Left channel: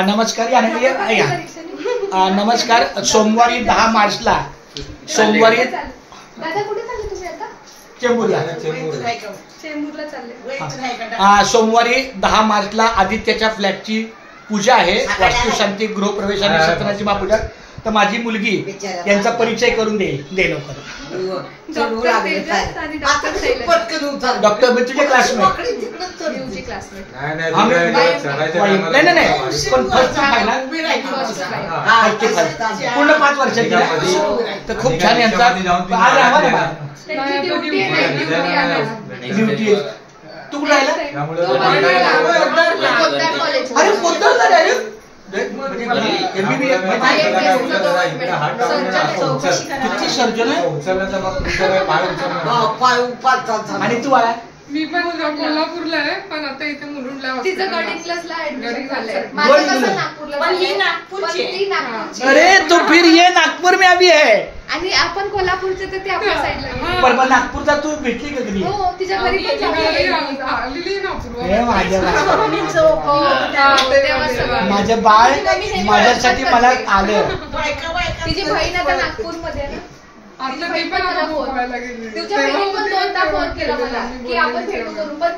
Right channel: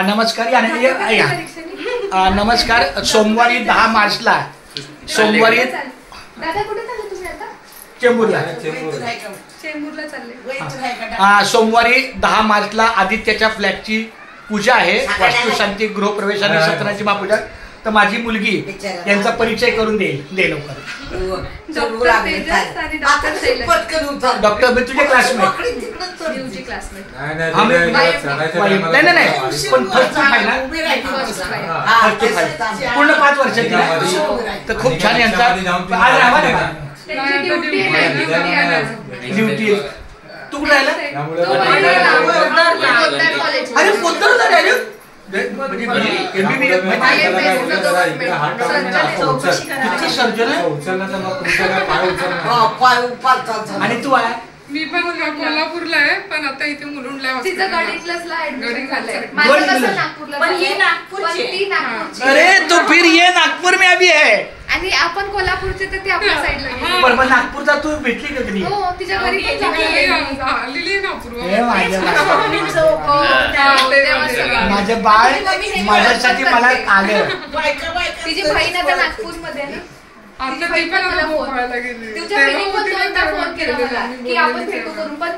नमस्कार नमस्कार. सोमवारी 10 मार्चला सोमवारी दादा कुठे चालले तुम्ही आता? चेंबूरला चालले. सोमवारी 10 मार्चला आदित्यच्या फ्लॅटची पूजा आहे. वास्तुशांती, गृहप्रवेश आणि सत्यनारायणची महापूजा. तर माझी मुलगी यांचा परिचय करून दे लवकर. डॉक्टर मी तुझे क्लासमेट. नाही पण फर्स्ट आहे ना, पूर्ण 5 वर्षाची. तर खूप छान यांचा आज राहा ना. ड्युटी तू कुठे राहिला? अरे पोद्दारला डायरेक्ट सर्जन आहे. आणि तू आला? मी पण कोल्हापूरला आहे, पण आता इथे मुलुंडला. तिचं गडिंग्लजला ऍडमिशन झालंय. माझं कसं नागपूरला. पण ही नागपूरची. अरे तो फिर ये नागपूर में अभी है. आणि आपण कोल्हापूरचे तर ते आपल्या साईडला. पण नागपूरचा तू भेटली का कधी? हो, तिच्या घरी पण माझं बाळ माझ्यासाठी मला आलं. तिची बहीण आता नागपूरमध्ये आहे. तुझ्या बहिणी पण 2दा फोन केला मला की आपण भेटू करून, पण